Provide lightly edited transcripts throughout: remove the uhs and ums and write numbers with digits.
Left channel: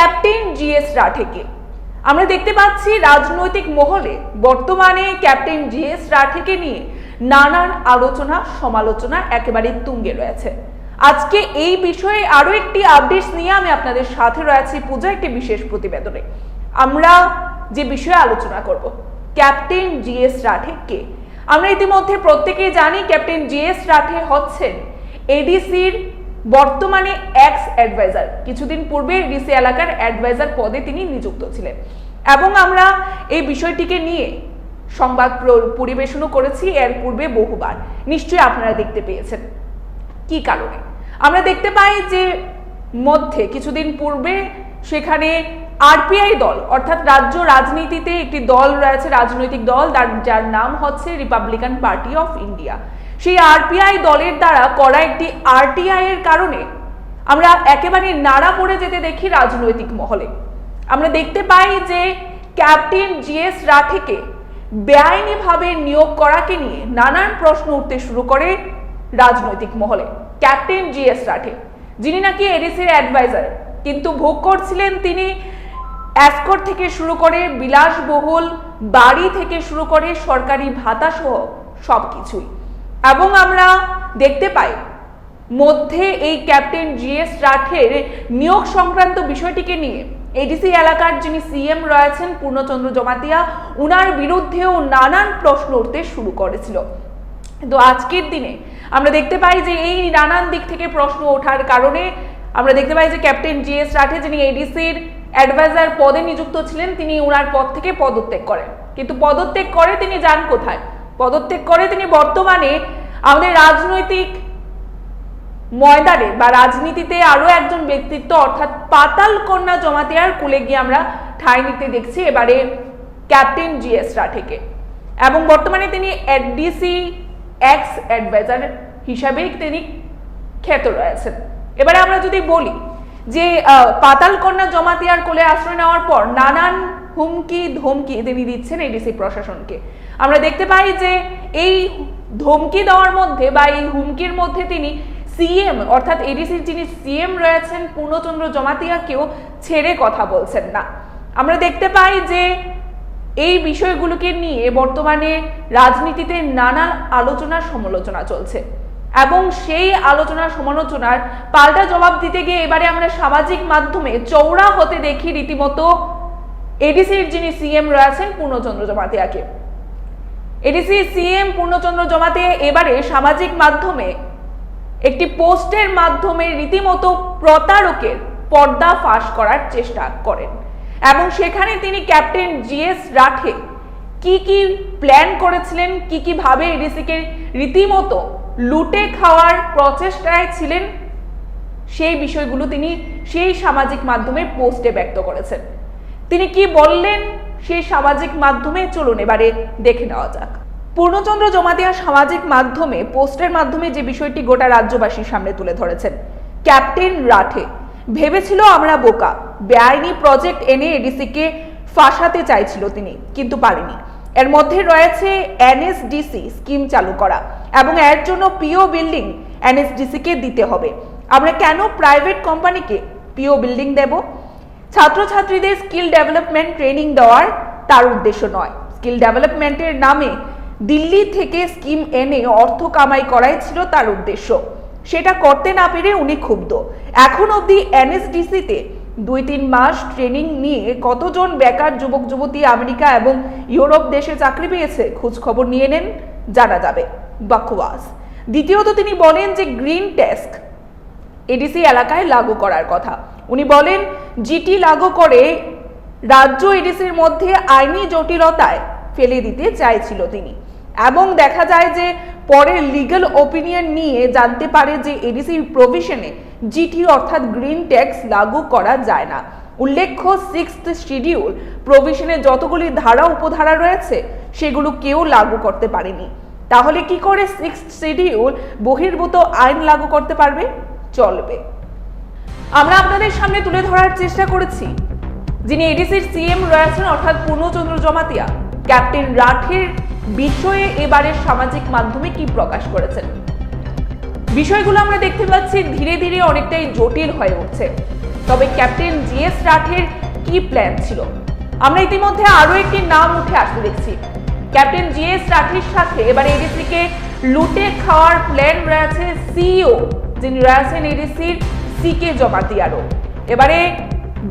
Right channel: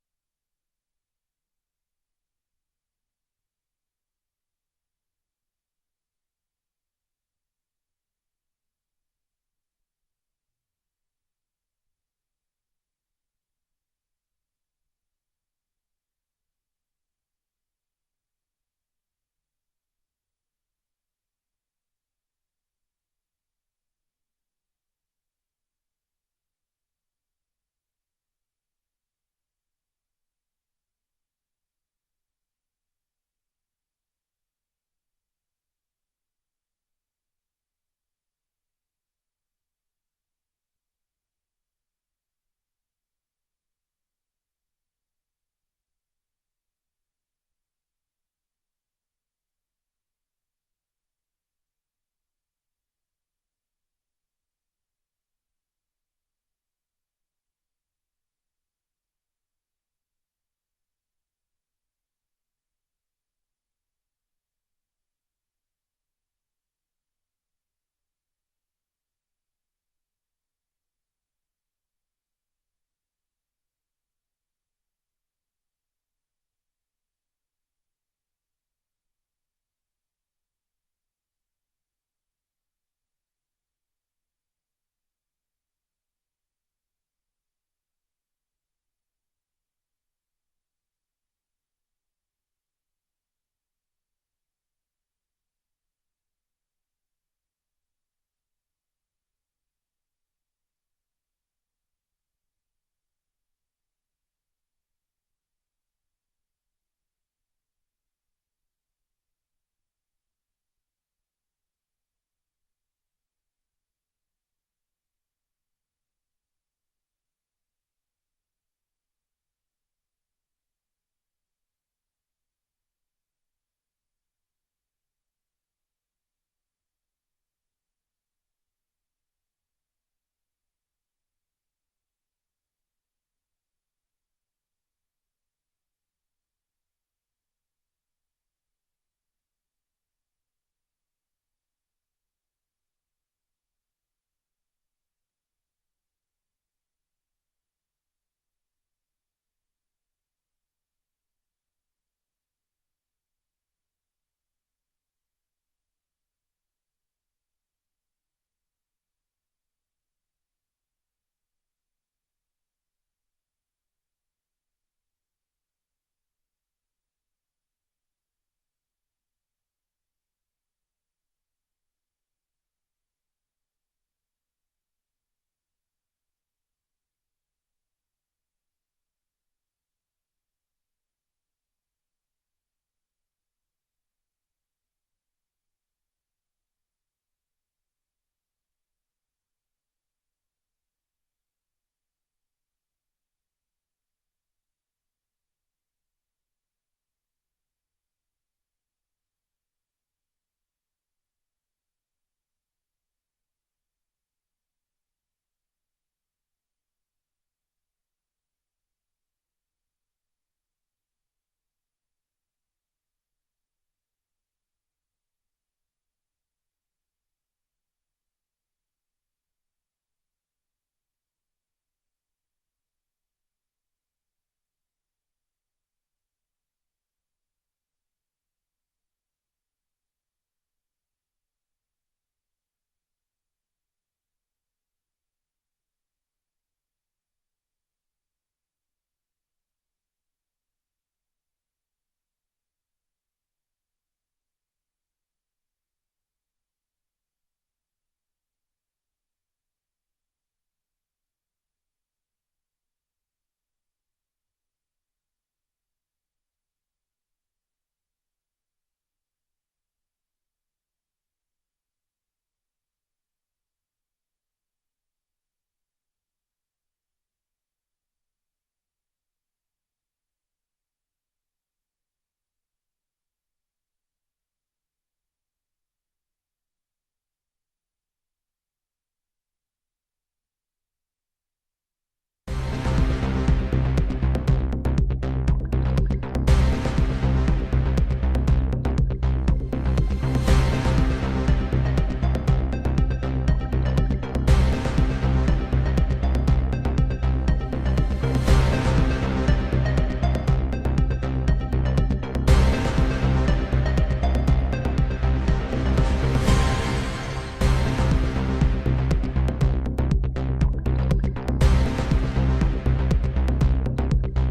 Captain GS রাঠেকে। আমরা দেখতে পাচ্ছি রাজনৈতিক মহলে বর্তমানে ক্যাপ্টেন জিএস রাঠেকে নিয়ে নানান আলোচনা সমালোচনা একেবারে তুঙ্গে রয়েছে। আজকে এই বিষয়ে আরো একটি আপডেট নিয়ে আমি আপনাদের সাথে রয়েছি পূজা একটি বিশেষ প্রতিবেদনে। আমরা যে বিষয়ে আলোচনা করব, ক্যাপ্টেন জিএস রাঠে কে। আমরা ইতিমধ্যে প্রত্যেকেই জানি ক্যাপ্টেন জিএস রাঠে হচ্ছেন এডিসির বর্তমানে এক্স অ্যাডভাইজার। কিছুদিন পূর্বে এডিসি এলাকার অ্যাডভাইজার পদে তিনি নিযুক্ত ছিলেন এবং আমরা এই বিষয়টিকে নিয়ে সংবাদ পরিবেশনও করেছি এর পূর্বে বহুবার, নিশ্চয়ই আপনারা দেখতে পেয়েছেন। কি কারণে আমরা দেখতে পাই যে মধ্যে কিছুদিন পূর্বে সেখানে আরপিআই দল অর্থাৎ রাজ্য রাজনীতিতে একটি দল রয়েছে, রাজনৈতিক দল যার নাম হচ্ছে রিপাবলিকান পার্টি অফ ইন্ডিয়া। সেই আরপিআই দলের দ্বারা করা একটি আরটিআই এর কারণে আমরা একেবারে নাড়া পড়ে যেতে দেখি রাজনৈতিক মহলে। আমরা দেখতে পাই যে ক্যাপ্টেন জিএস রাঠেকে বেআইনিভাবে নিয়োগ করাকে নিয়ে নানান প্রশ্ন উঠতে শুরু করে রাজনৈতিক মহলে। ক্যাপ্টেন জিএস রাঠে, যিনি নাকি এডিসির অ্যাডভাইজার, কিন্তু ভোগ করছিলেন তিনি এসকর্ট থেকে শুরু করে বিলাসবহুল বাড়ি থেকে শুরু করে সরকারি ভাতা সহ সবকিছুই। এবং আমরা দেখতে পাই মধ্যে এই ক্যাপ্টেন জিএস রাঠের নিয়োগ সংক্রান্ত বিষয়টিকে নিয়ে এডিসি এলাকার যিনি সিএম রয়েছেন পূর্ণচন্দ্র জমাতিয়া, উনার বিরুদ্ধেও নানান প্রশ্ন উঠতে শুরু করেছিল। কিন্তু আজকের দিনে আমরা দেখতে পাই যে এই নানান দিক থেকে প্রশ্ন ওঠার কারণে আমরা দেখতে পাই যে ক্যাপ্টেন জিএস রাঠে, যিনি এডিসির অ্যাডভাইজার পদে নিযুক্ত ছিলেন, তিনি ওনার পদ থেকে পদত্যাগ করেন। কিন্তু পদত্যাগ করে তিনি যান কোথায়? পদত্যাগ করে তিনি বর্তমানে আমাদের রাজনৈতিক ময়দানে বা রাজনীতিতে আরো একজন ব্যক্তিত্ব অর্থাৎ পাতাল কন্যা জমাতিয়ার কুলে গিয়ে আমরা ঠাঁই নিতে দেখছি এবারে ক্যাপ্টেন জিএস রাঠেকে। এবং বর্তমানে তিনি এডিসি এক্স অ্যাডভাইজার হিসাবেই তিনি খ্যাত রয়েছেন। এবারে আমরা যদি বলি যে পাতাল কন্যা জমাতিয়ার কোলে আশ্রয় নেওয়ার পর নানান হুমকি ধমকি তিনি দিচ্ছেন এডিসি প্রশাসনকে। আমরা দেখতে পাই যে এই ধমকি দেওয়ার মধ্যে বা এই হুমকির মধ্যে তিনি সিএম অর্থাৎ এডিসির যিনি সিএম রয়েছেন পূর্ণচন্দ্র জমাতিয়াকেও ছেড়ে কথা বলছেন না। আমরা দেখতে পাই যে এই বিষয়গুলোকে নিয়ে বর্তমানে রাজনীতিতে নানা আলোচনা সমালোচনা চলছে এবং সেই আলোচনা সমালোচনার পাল্টা জবাব দিতে গিয়ে এবারে আমরা সামাজিক মাধ্যমে চওড়া হতে দেখি রীতিমতো এডিসির যিনি সিএম রয়েছেন পূর্ণচন্দ্র জমাতিয়াকে। এডিসি সিএম পূর্ণচন্দ্র জমাতিয়া এবারে সামাজিক মাধ্যমে একটি পোস্টের মাধ্যমে রীতিমতো প্রতারকের পর্দা ফাঁস করার চেষ্টা করেন এবং সেখানে তিনি ক্যাপ্টেন জিএস রাঠে কি কি প্ল্যান করেছিলেন, কি কি ভাবে এডিসিকে রীতিমতো লুটে খাওয়ার প্রচেষ্টায় ছিলেন, সেই বিষয়গুলো তিনি সেই সামাজিক মাধ্যমে পোস্টে ব্যক্ত করেছেন। তিনি কি বললেন সেই সামাজিক মাধ্যমে, চলুন এবারে দেখে নেওয়া যাক। পূর্ণচন্দ্র জমাতিয়া সামাজিক মাধ্যমে পোস্টের মাধ্যমে যে বিষয়টি গোটা রাজ্যবাসীর সামনে তুলে ধরেছেন, ক্যাপ্টেন রাঠে ভেবেছিল আমরা বোকা, বেআইনি প্রজেক্ট এনে এডিসিকে ফাঁসাতে চাইছিল তিনি, কিন্তু পারেনি। এর মধ্যে রয়েছে এনএসডিসি স্কিম চালু করা এবং এর জন্য পিও বিল্ডিং এনএসডিসিকে দিতে হবে। আমরা কেন প্রাইভেট কোম্পানিকে পিও বিল্ডিং দেব? ছাত্রছাত্রীদের স্কিল ডেভেলপমেন্ট ট্রেনিং দেওয়ার তার উদ্দেশ্য নয়। স্কিল ডেভেলপমেন্টের নামে দিল্লি থেকে স্কিম এনে অর্থ কামাই করাই ছিল তার উদ্দেশ্য। সেটা করতে না পেরে উনি ক্ষুব্ধ। এখন অবধি এনএসডিসিতে 2-3 মাস ট্রেনিং নিয়ে কতজন বেকার যুবক যুবতী আমেরিকা এবং ইউরোপ দেশে চাকরি পেয়েছে, খোঁজ খবর নিয়ে নেন, জানা যাবে। বকওয়াস। দ্বিতীয়ত তিনি বলেন যে গ্রিন ট্যাক্স এডিসি এলাকায় লাগু করার কথা। উনি বলেন জিটি লাগু করে রাজ্য এডিসির মধ্যে আইনি জটিলতায় ফেলে দিতে চাইছিল তিনি এবং দেখা যায় যে পরে লিগ্যাল ওপিনিয়ন নিয়ে জানতে পারে যে এডিসির প্রভিশনে জিটি অর্থাৎ গ্রিন ট্যাক্স লাগু করা যায় না। উল্লেখ্য 6th শিডিউল প্রভিশনে যতগুলি ধারা উপধারা রয়েছে সেগুলো কেউ লাগু করতে পারেনি। তাহলে কি করে 6th শিডিউল বহির্ভূত আইন লাগু করতে পারবে? চলবে। আমরা আপনাদের সামনে তুলে ধরার চেষ্টা করেছি যিনি এডিসির সিএম রয়েছেন অর্থাৎ পূর্ণচন্দ্র জমাতিয়া ক্যাপ্টেন রাঠের বিষয়ে এবারে সামাজিক মাধ্যমে কি প্রকাশ করেছেন। বিষয়গুলো আমরা দেখতে পাচ্ছি ধীরে ধীরে অনেকটাই জটিল হয়ে উঠছে। তবে ক্যাপ্টেন জিএস রাঠের কি প্ল্যান ছিল? আমরা ইতিমধ্যে আরো একটি নাম উঠে আসতে দেখছি। ক্যাপ্টেন জিএস রাঠের সাথে এবার এডিসিকে লুটে খাওয়ার প্ল্যান রয়েছে সিইও, যিনি রয়েছেন এডিসির সিকে জমাতিয়ারও। এবারে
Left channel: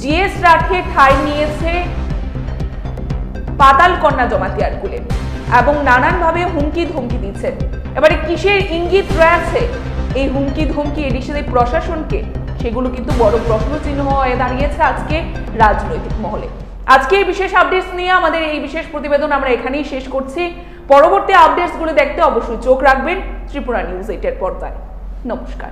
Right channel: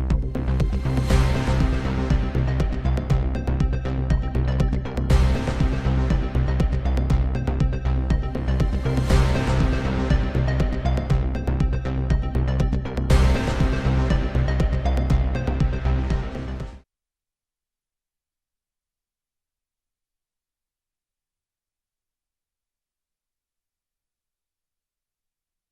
জিএস রাঠে ঠাঁই নিয়েছে পাতাল কন্যা জমাতিয়ার কুলে এবং নানানভাবে হুমকি ধমকি দিচ্ছেন। এবারে কিসের ইঙ্গিত রয়েছে এই হুমকি ধমকি এডিসির প্রশাসনকে, সেগুলো কিন্তু বড় প্রশ্ন চিহ্ন হয়ে দাঁড়িয়েছে আজকে রাজনৈতিক মহলে। আজকে এই বিশেষ আপডেটস নিয়ে আমাদের এই বিশেষ প্রতিবেদন আমরা এখানেই শেষ করছি। পরবর্তী আপডেটসগুলো দেখতে অবশ্যই চোখ রাখবেন ত্রিপুরা নিউজ 8 এর পর্দায়। নমস্কার।